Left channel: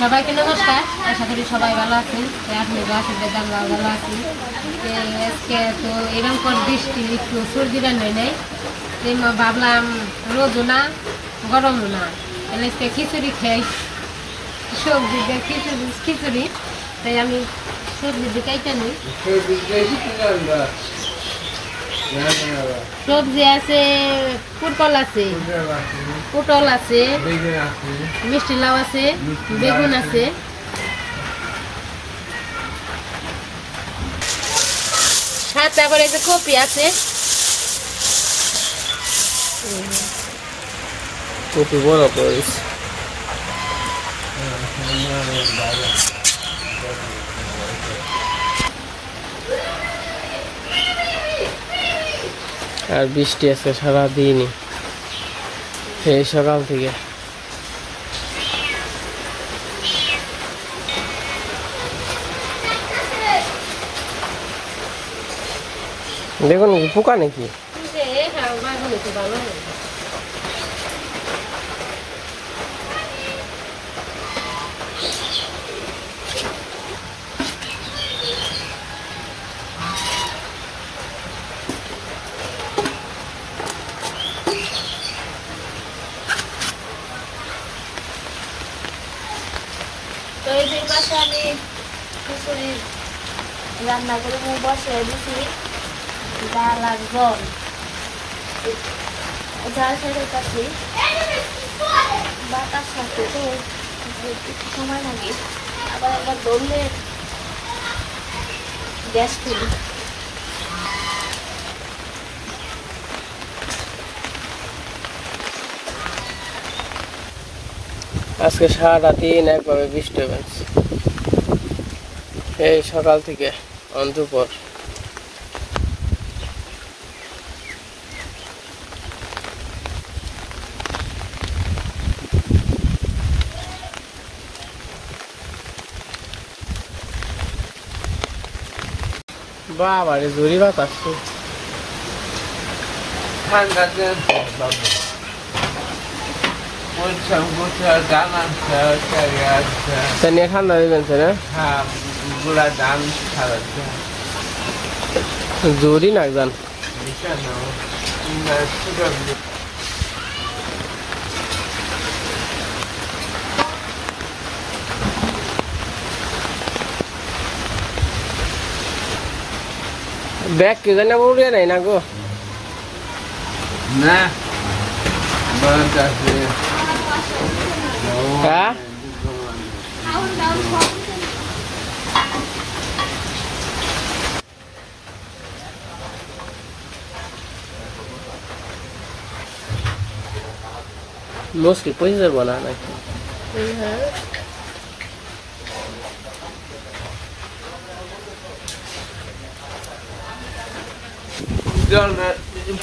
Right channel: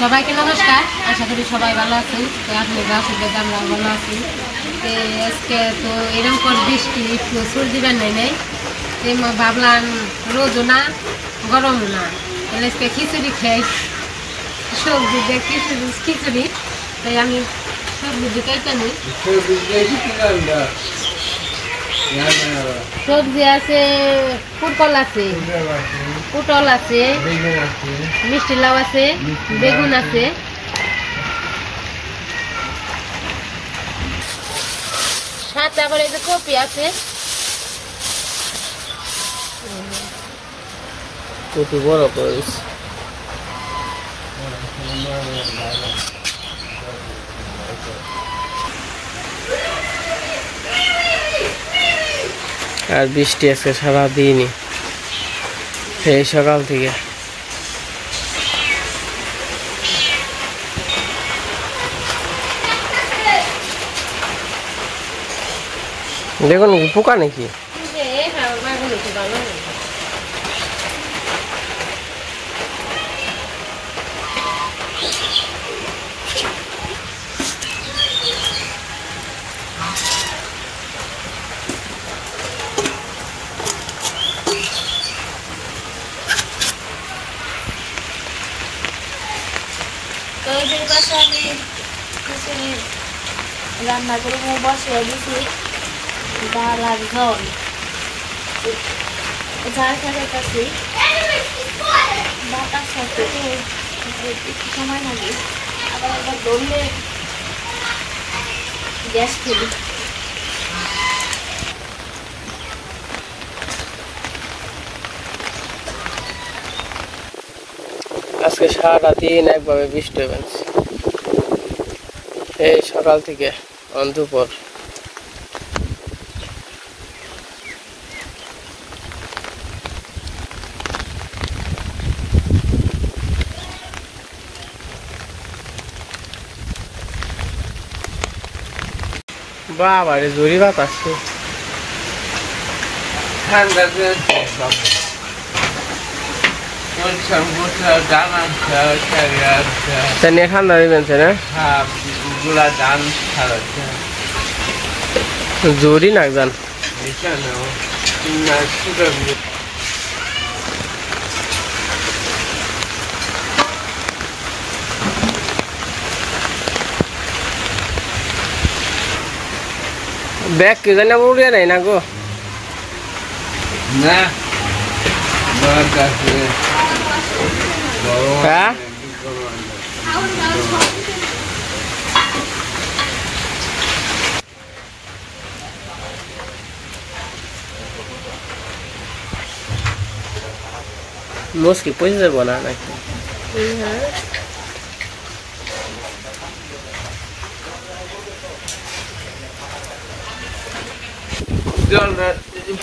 সবাইকে নমস্কার, আশা করি সবাই ভালো আছেন। আপনি আমরা ভালো আছি। আজকে তো এরকম করে বৃষ্টি একটু সর্দি বানাই নাই, ভাবলাম রোদও না গরমও না, তাহলে আজকে খিচুড়ি খাই, সবজি দিয়ে খিচুড়ি। তাই আমি সবজি কাইটা নিই। সবজি আছে, পটল আছে, মিষ্টি লাউ আছে, বেগুন আছে, সাথে আবার এই যে কপি আছে। কপি বড় করিস। আর বৃষ্টি আজকে সারাদিনই, সেই সকাল থেকে। দেখুন নাকি পোকা নাকি? তো এই পাশে আমি খিচুড়ি রান্না করে বসিয়ে দিছি, ডাল আর জল ঝাল খাইতেছি। বাতাস সাথে তো একটু সময় লাগে, আবার একবার ধরলে গ্যাস ফেলি। আজকে সারাদিন একভাবে বৃষ্টি হয়েছে, এই সকাল থেকে অন্তপর। বাবারে জোরি বাতাস, ঠান্ডা ঠান্ডা দিবেন জোরি না যান। ব্যাগ কে জানি উড়িয়ে নেই না গো না। হ্যাঁ মুসকি পয়সা যাবো না নাকি?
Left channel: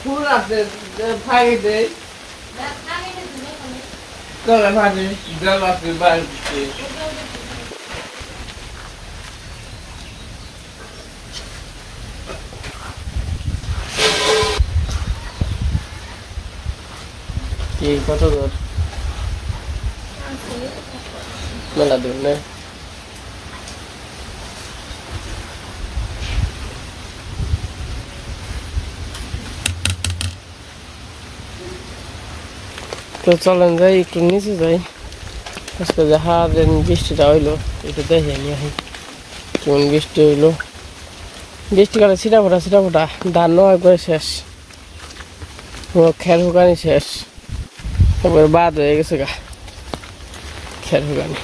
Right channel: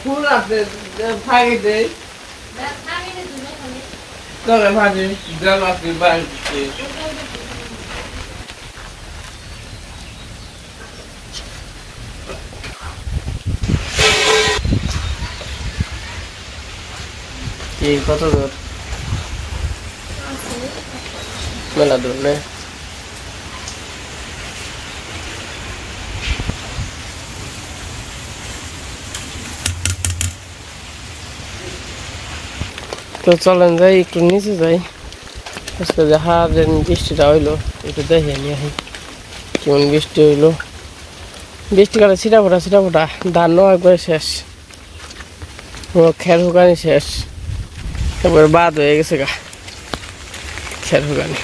ফুল আছে ফাইলে দেয় তবে ভাবি জল আছে বাড়িতে। কত দূর? মেলা দূর না? তো চলেন যাই একটু নিচে যাই। আজকে যে হাতের বৃষ্টিটা হইলো একটু দেখে নিয়ে আসি কেমন বৃষ্টি হইলো। বৃষ্টিকালে ছিটা ফোটা ধান একবারে শেষ, খের হুকানি শেষ, একবার বাদ হয়ে গেছে গা খের হুকানি।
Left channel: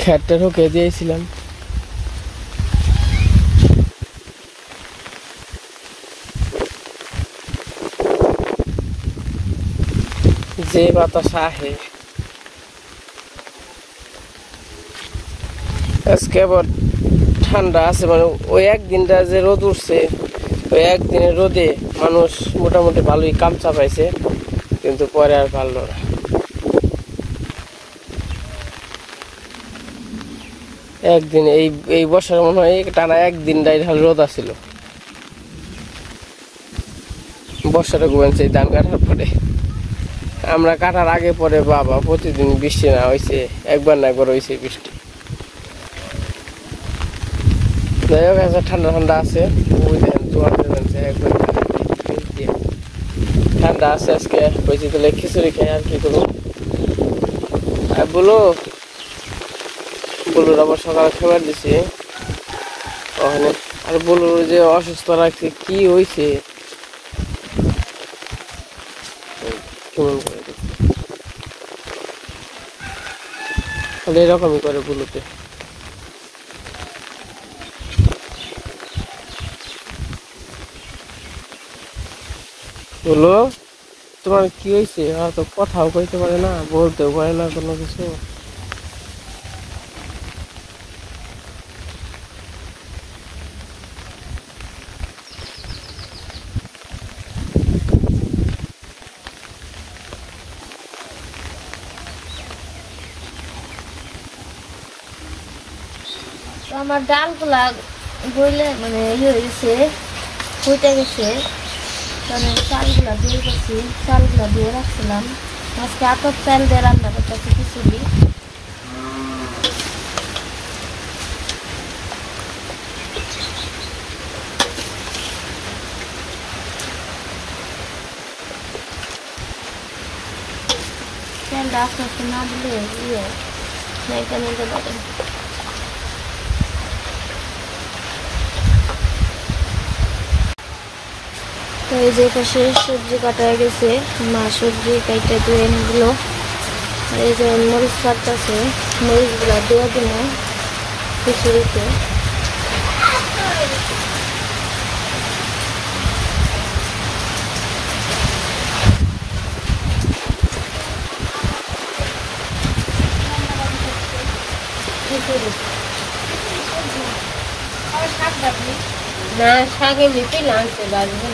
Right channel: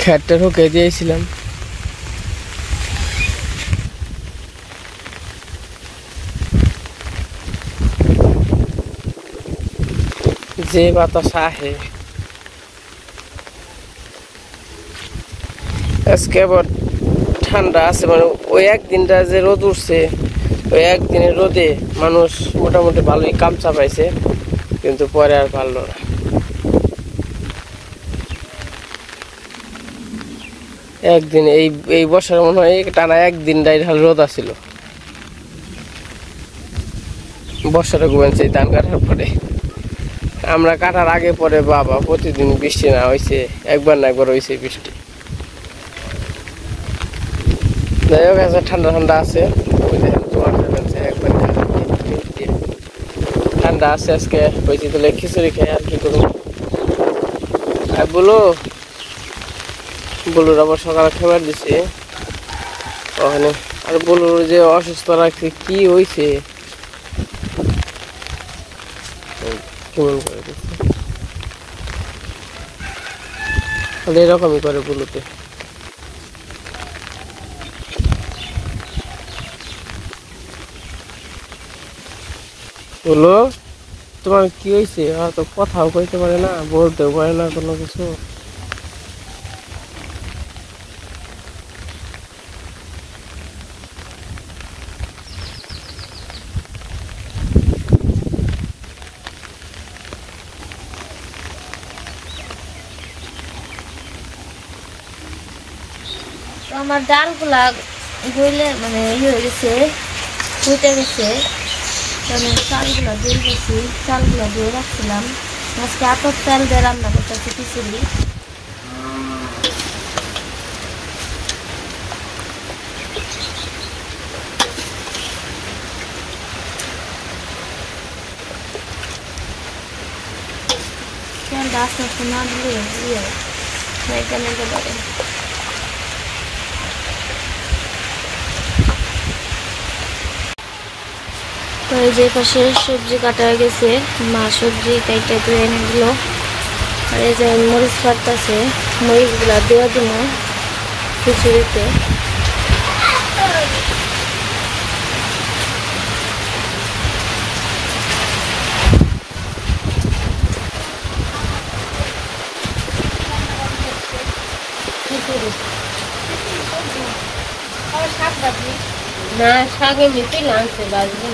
খেরটা হুকে দিয়েছিলাম। যে বাতাস আহে আজকে আবার ঠান্ডা আছে, মানে ওই একদিনটা যে রোদ উঠছে ওই একদিনের রোদে মানুষ মোটামুটি ভালোই কাম চাপাইছে, কিন্তু পরে আর পারলো না। একদিন এই বছর মনে হয় টানা একদিন ঢাল রোদ আসছিল বর্ষাটা ঘুমাইছে ধান কাটার পরে। আমরা কাটার আগে পরে বাবা প্রতিদিন বৃষ্টি না হয়েছে, একবার না একবার হয়েছে বৃষ্টি। যাই হোক আছে ঠান্ডা ঠান্ডা আছে, ওই দেখেন জোয়ার ফেলেছে একবার ঠান্ডা আছে আজকে। হয়েছে তাহলে খিচুড়ি খাই আর কি করবো। আর বলুর আবার সকালে খাবার দিছে ওখানে। আর বলুর যে অসুস্থ রাখছে কি হয়েছে কেমন করে দিচ্ছে, তাহলে এরকমই করে বুলুতে। বলো তোমার কি হয়েছে? আর তো কথাও কইতে পারে না, বলতেও পারে না কোনো কিছু। তো আমার ডালগুলা গইলে মানে ইয়ে হয়ে গেছে, ফুটে গেছে। আমি চালগুলা দিয়ে গেছি, চালগুলা দিয়ে রাখছিলাম। আজকে আতপ চাল দিয়ে রান্না করতেছি খিচুড়ি। চালটা আস্তে আস্তে না দিলে ইয়ে মেয়েটা নিতে পারে। তো এই যে পাশে সবজি কাটা হয়ে গেছে, মা সবজি কাইটা ধুয়ে এনে দিল। আর এই যে মরিচ কাটতেছে, মরিচগুলা দেওয়া দিব খিচুড়িতে। না শাকে মিশে লাগছে বাজবে।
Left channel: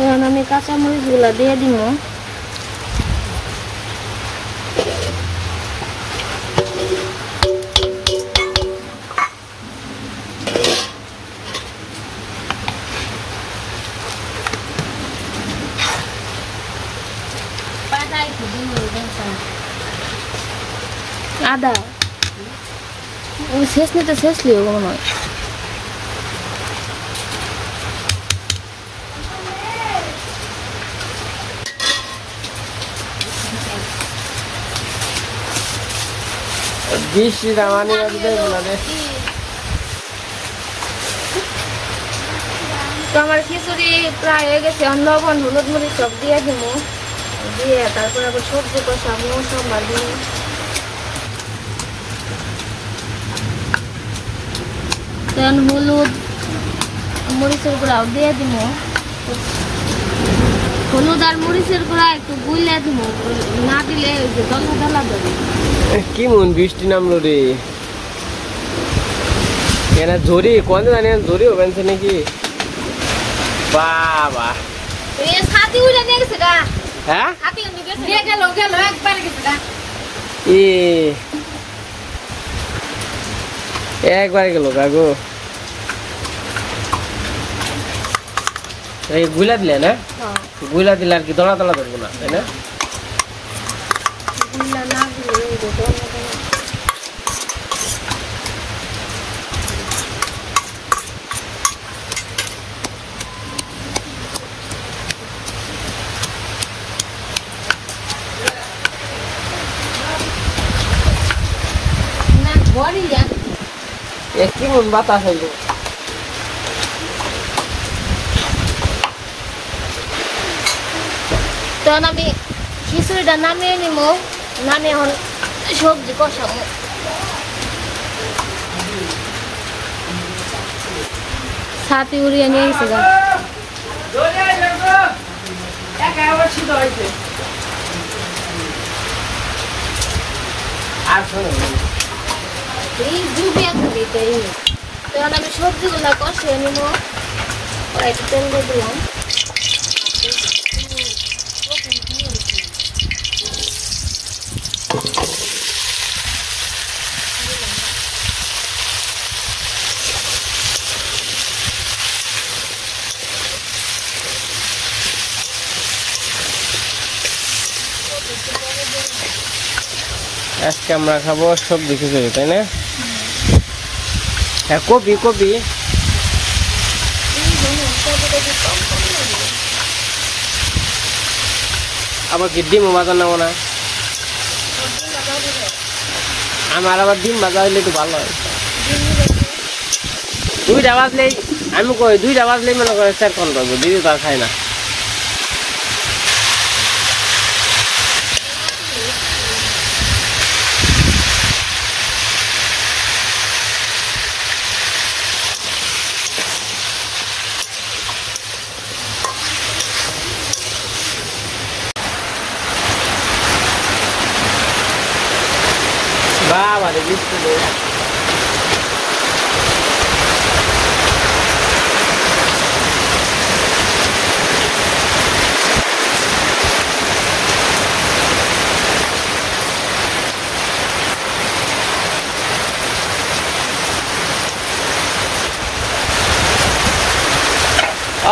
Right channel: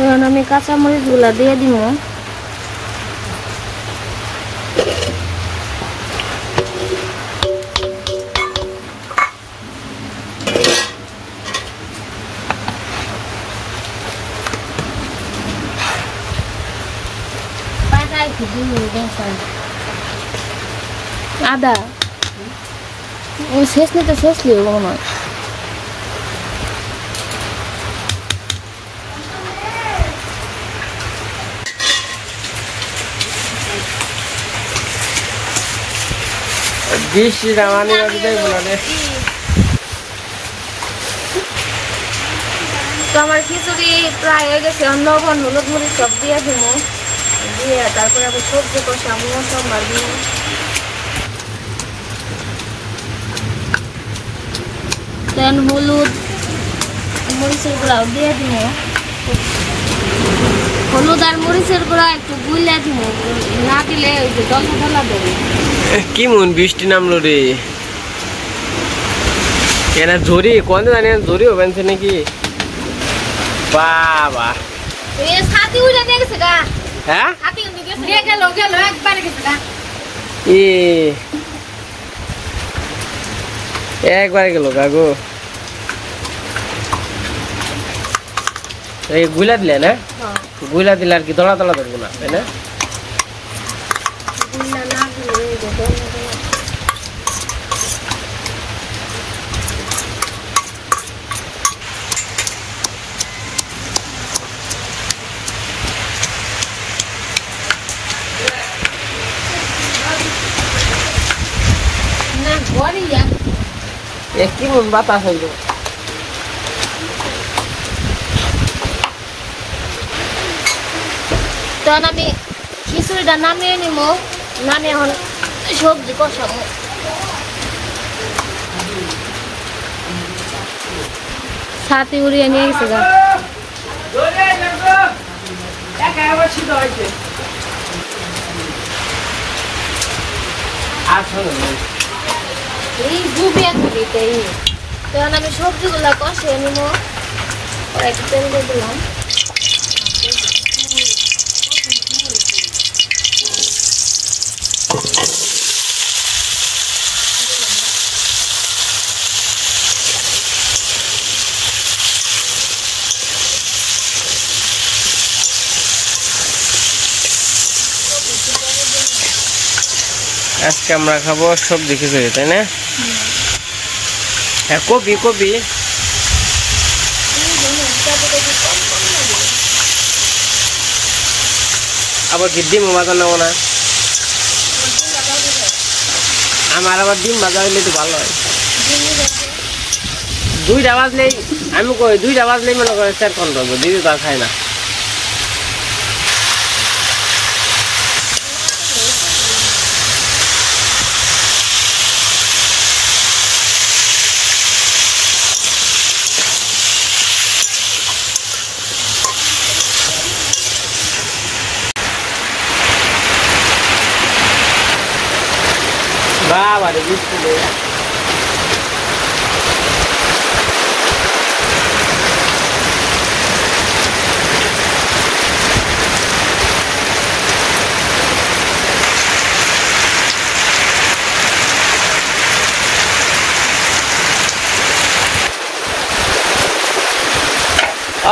এখন আমি কাঁচা মরিচগুলা দিয়ে দিব। আদা শেষ নিতে শেষ লিও মনে হয়। বৃষ্টিটা মানে দেখবো না রে। তো আমার খিচুড়ি প্রায় হয়ে গেছে, লবণ হলুদ মরিচ সব দিয়ে দিব, দিয়ে তারপরে আবার সবজি কষাবো, সব মারবো। দেন হলুদ মরিচের গুঁড়াও দিয়ে দিব, হলুদ আর মরিচের গুঁড়া একটু গুইলা দিব, না দিলে ওই যে দলা দলা দেবে। কি মন বৃষ্টি নামলো রে, এরা জরি কোন জানি জরি হবেনছে নাকি বাবা। এ সাথী উড়ে নিয়ে গেছে গা। হ্যাঁ সাথী উড়ে গেছে, নিয়ে গেল একবার গেছে গা। একবার গেল গাগো। এই গুলা দিলে না, গুলা দিলে আর কি দলা দলা ধরবো না, তাই না? কি মন বাতাস হইল। তখন আমি খিচুড়িটা নামিয়ে নিব, নামিয়ে এখন সবজি কষাবো। ছাতি উড়িয়ে নিয়ে গেছে গা। এই ডুবিয়া থাকি তাই। তখন আমি সবজিগুলো কষিয়ে নিব, একটু তেল দিয়ে দিলাম। আজকে আমরা খাবো সবজি খিচুড়ি, তাই না? হ্যাঁ, কপি কপি আবার কি ডিম ভাজা নেবো না? আমার আবার ডিম ভাজা হইলে তো ভালো হয়। 2টা বাজলেই আমি কই 2টা বাজলেই মনে করে 4 ঘন্টা করবো, দিদি তো আর খায় না। বাবা রে বৃষ্টি রে,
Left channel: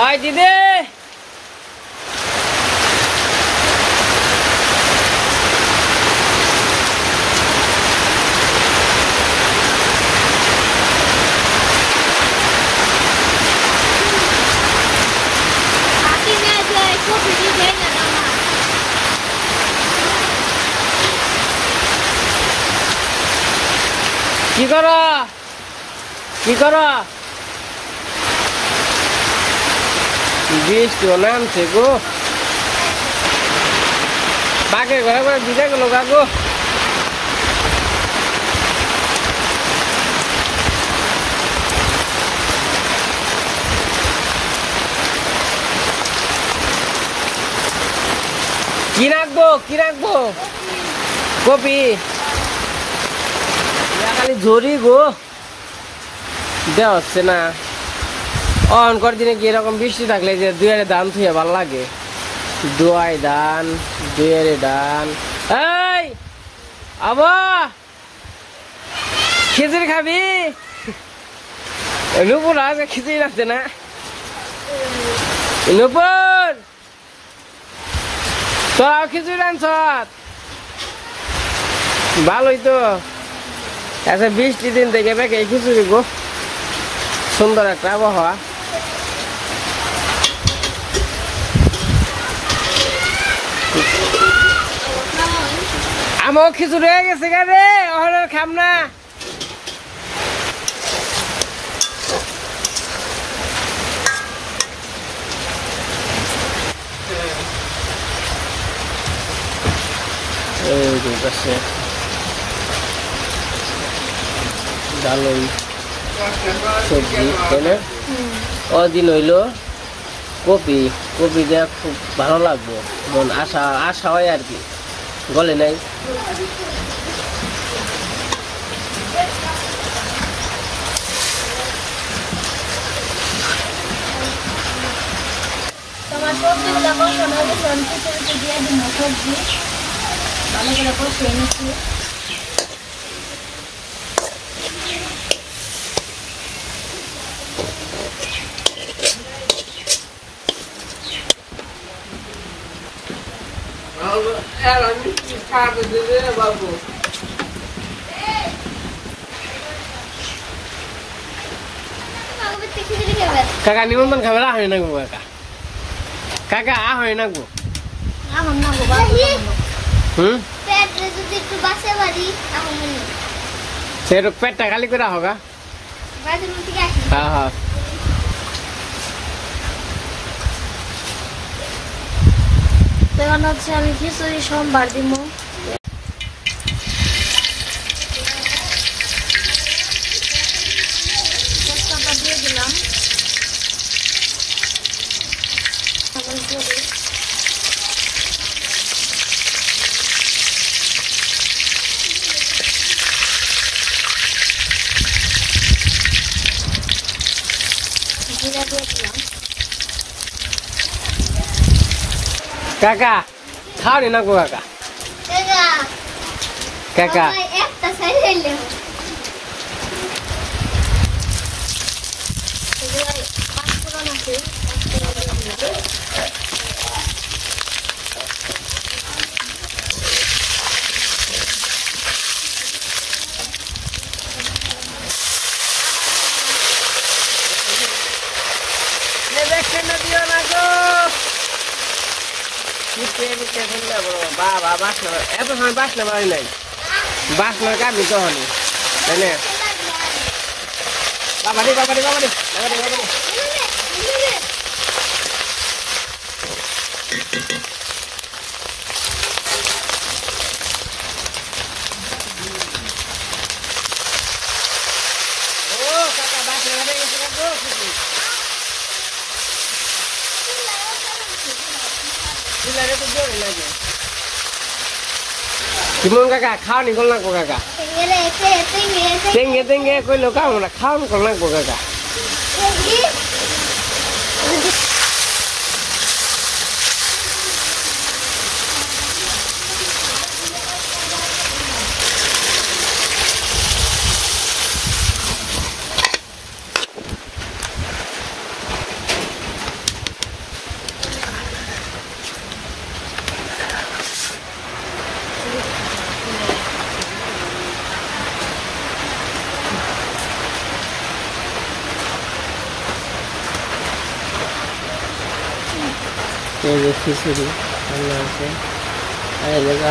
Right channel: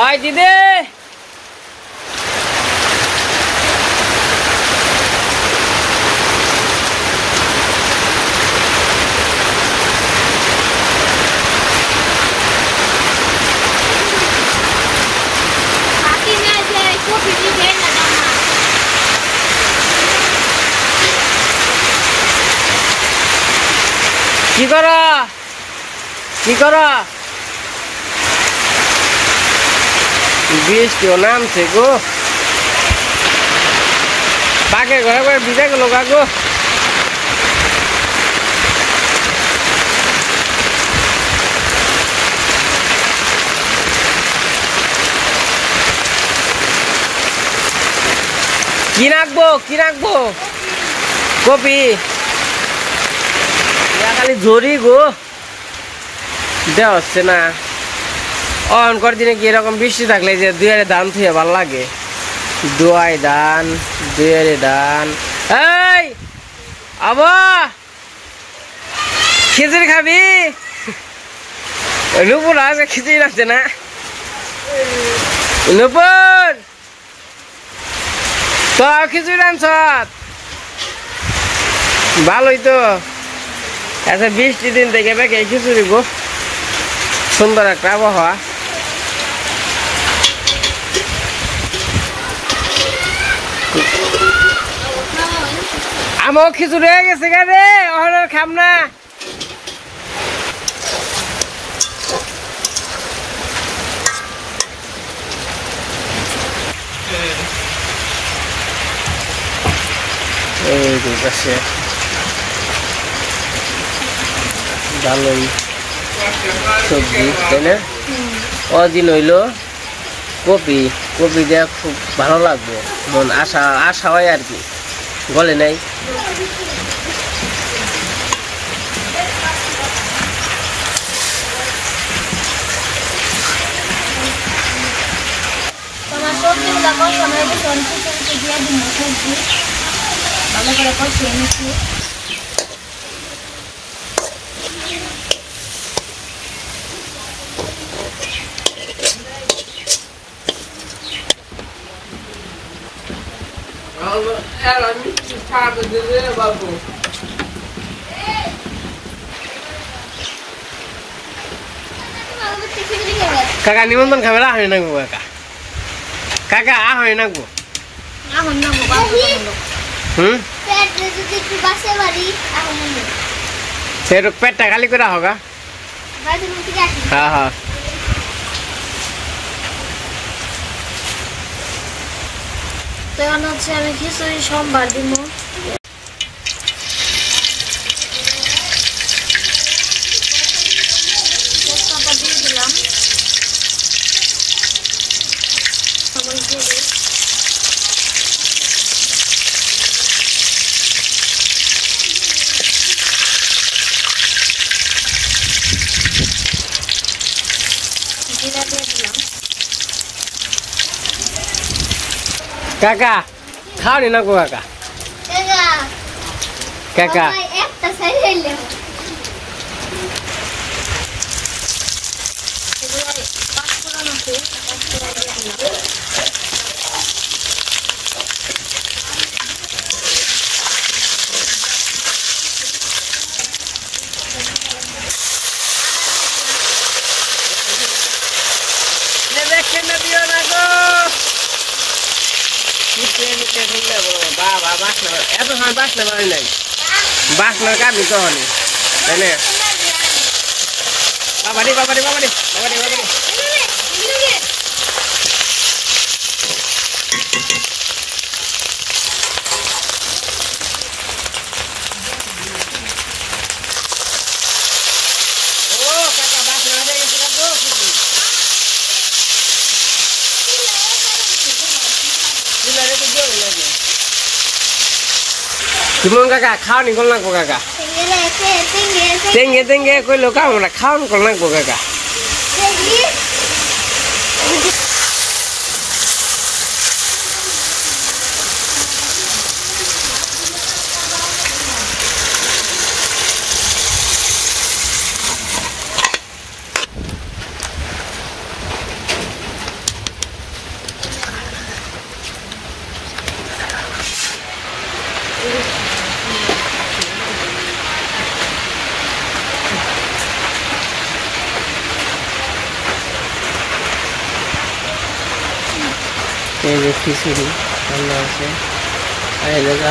ওই দিদি কি করো কি করো? বৃষ্টিও নামছে গো, বাঘের ঘরে ঘরে ভিজে গেল গা গো। কি রাখবো কি রাখবো? কপি খালি ঝরি গো, দেওয়া হচ্ছে না। অনকর দিনে কি এরকম বৃষ্টি থাকলে যে দুয়ারে ধান থুয়ে ভাল লাগে। দুয়াই ধান, দুয়ারে ধান। এই আবা খিচুড়ি খাবি? নুপুর আজকে খিচুড়ি রাখছে না। নুপুর তো খিচুড়ি রাঁধছ? ভালোই তো। আচ্ছা, বৃষ্টি দিন থেকে বেঁকে খিচুড়ি গো, সুন্দর একটা আবহাওয়া। আমার খিচুড়ি হয়ে গেছে রে, ওখানে খাম না। এই পাশে ভালোই সবজি, তাই না? ওদিন হইলো কপি, কপি দেওয়া খুব ভালো লাগবো, মন আশা আশা হয় আর কি, বলে নাই। তোমার সবজিগুলো কষানো হয়ে গেছে, দিয়ে দিন সবজি ভালো করে কষিয়ে নিচ্ছি। কাকা নিমন্ত্রণ খাবে না হয় না গো? কাকা কাকা আ হয় না গো? সে পেটটা খালি করে হোগা। হ্যাঁ হ্যাঁ, তখন হচ্ছে আমি খিচুড়ি সোমবার দিব। দিয়ে দিলাম জিরা দিয়ে দিলাম। কাকা খাও নি না গো? কাকা কাকা একটা সাইড হইলে পাঁচফোড়ন আছে, পাঁচফোড়ন দিয়ে দিলাম। বাবা বাসনা এত সময় বাসনা বাড়ি নাই বাসনার কামি তখনই তাই না বাবারি বাবারি বাবারি বাবারি বাবারি Gimana kakak? Kau nih kolak kok kakak? Tinggi kau lo kau nak kau kolak kok kakak? এই যে খিচুড়ি রান্না আছে আর এই জায়গা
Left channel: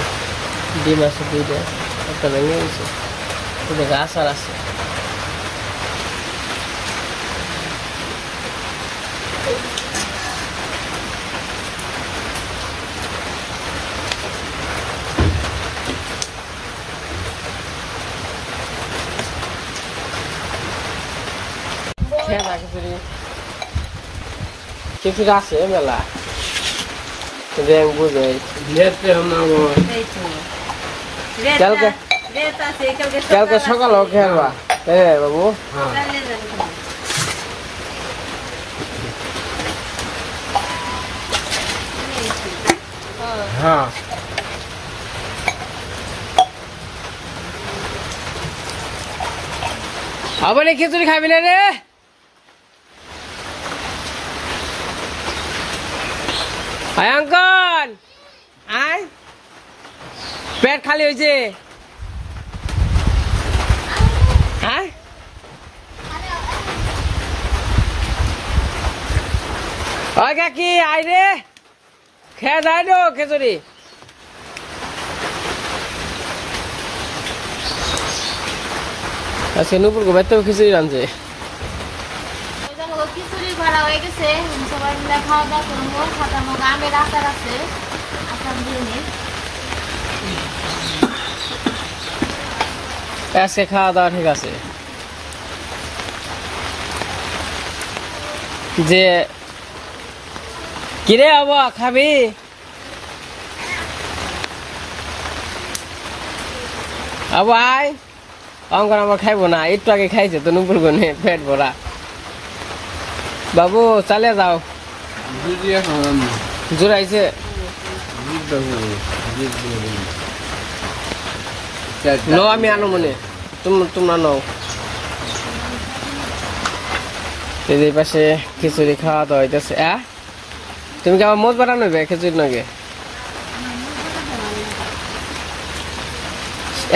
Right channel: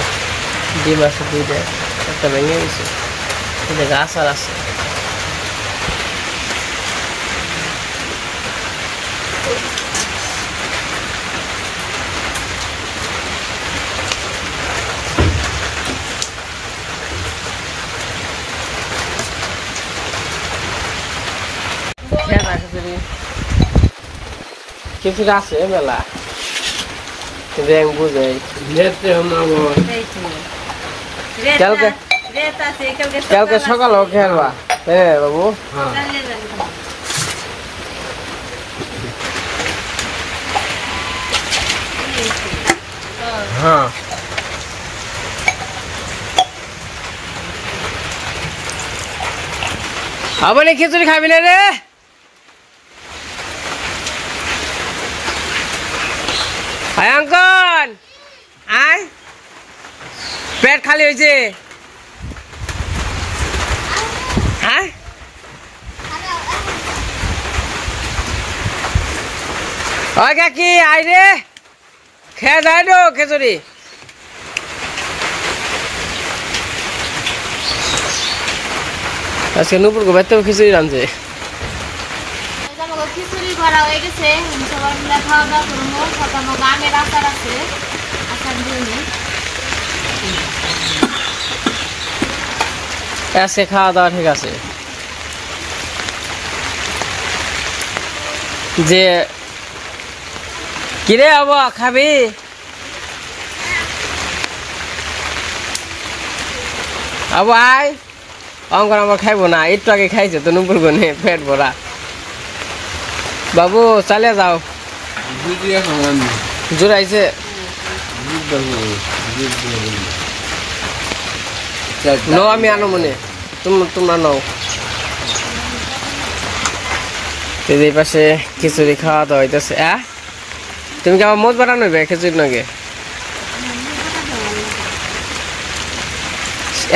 ডিম আছে দুইটা একটা ভেঙে গেছে এই জায়গা আচার আছে খিচুড়ি আছে মেলা Yang buze. Kalte sokal oke halwa. Babu. Apa nih খিচুড়ি খাবি না রে? Hai Angkon, hai, পেট খালি হয়েছে, হ্যাঁ, ওই কাকি আই রে, খেয়ে যায় তো খিচুড়ি, আজকে নুপুর গো বাইতে খিচুড়ি রাঁধছে। খিচুড়ি করা হয়ে গেছে সবাই মিলে খাওয়া দাওয়া করবো খাতানো আমের আচার আছে আচার দিয়ে আজকে খাওয়া দাওয়া ঠিক আছে যে কিরে আবা খাবি আবু আয় অঙ্কন আমার খাইবো না একটু আগে খাইছে তো নুপুর গনে পেট ভরা বাবু চালে যাও জোরাইছে নো আমি আনো মনে তোমরা নাও এই পাশে খিচুড়ি খাওয়া দাওয়া হইতেছে তুমি কি আবার মদ বাড়ানো হবে খিচুড়ি নাকি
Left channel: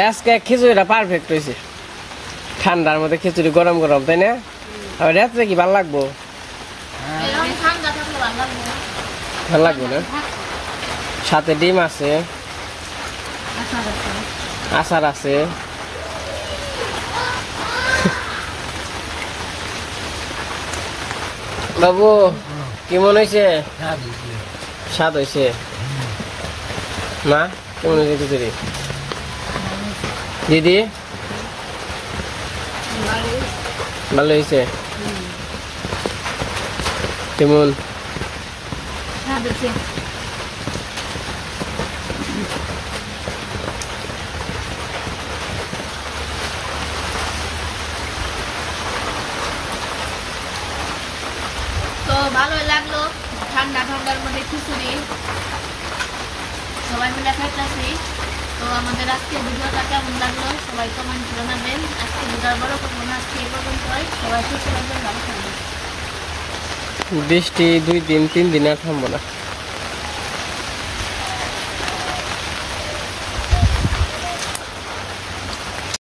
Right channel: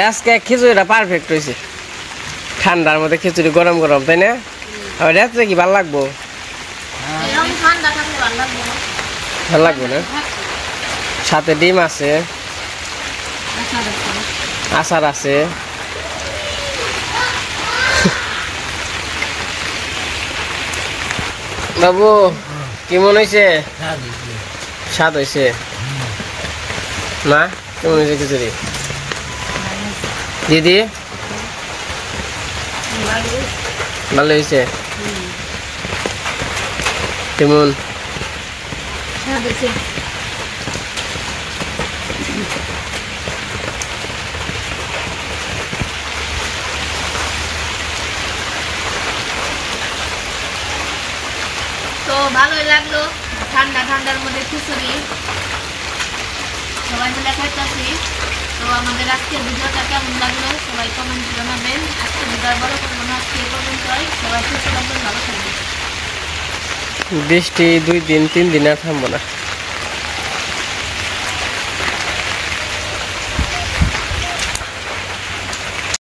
আজকে খিচুড়িটা পারফেক্ট হয়েছে ঠান্ডার মধ্যে খিচুড়ি গরম গরম তাই না আর রাত্রে কি ভালো লাগবো ভালো লাগবে না সাথে ডিম আছে আচার আছে বাবু কেমন হয়েছে স্বাদ হয়েছে মা কেমন হয়েছে খিচুড়ি দিদি ভালো হয়েছে কেমন তো ভালোই লাগলো ঠান্ডার মধ্যে খিচুড়ি সবাই মিলে খাইতেছি তো আমাদের আজকের ভিডিওটা কেমন লাগলো সবাই কমেন্ট জানাবেন আজকে ভিডিও বড় করবো না আজকে পর্যন্তই সবাই সুস্থ থাকবেন ভালো থাকবেন বৃষ্টি 2 দিন 3 দিন আর থামবো না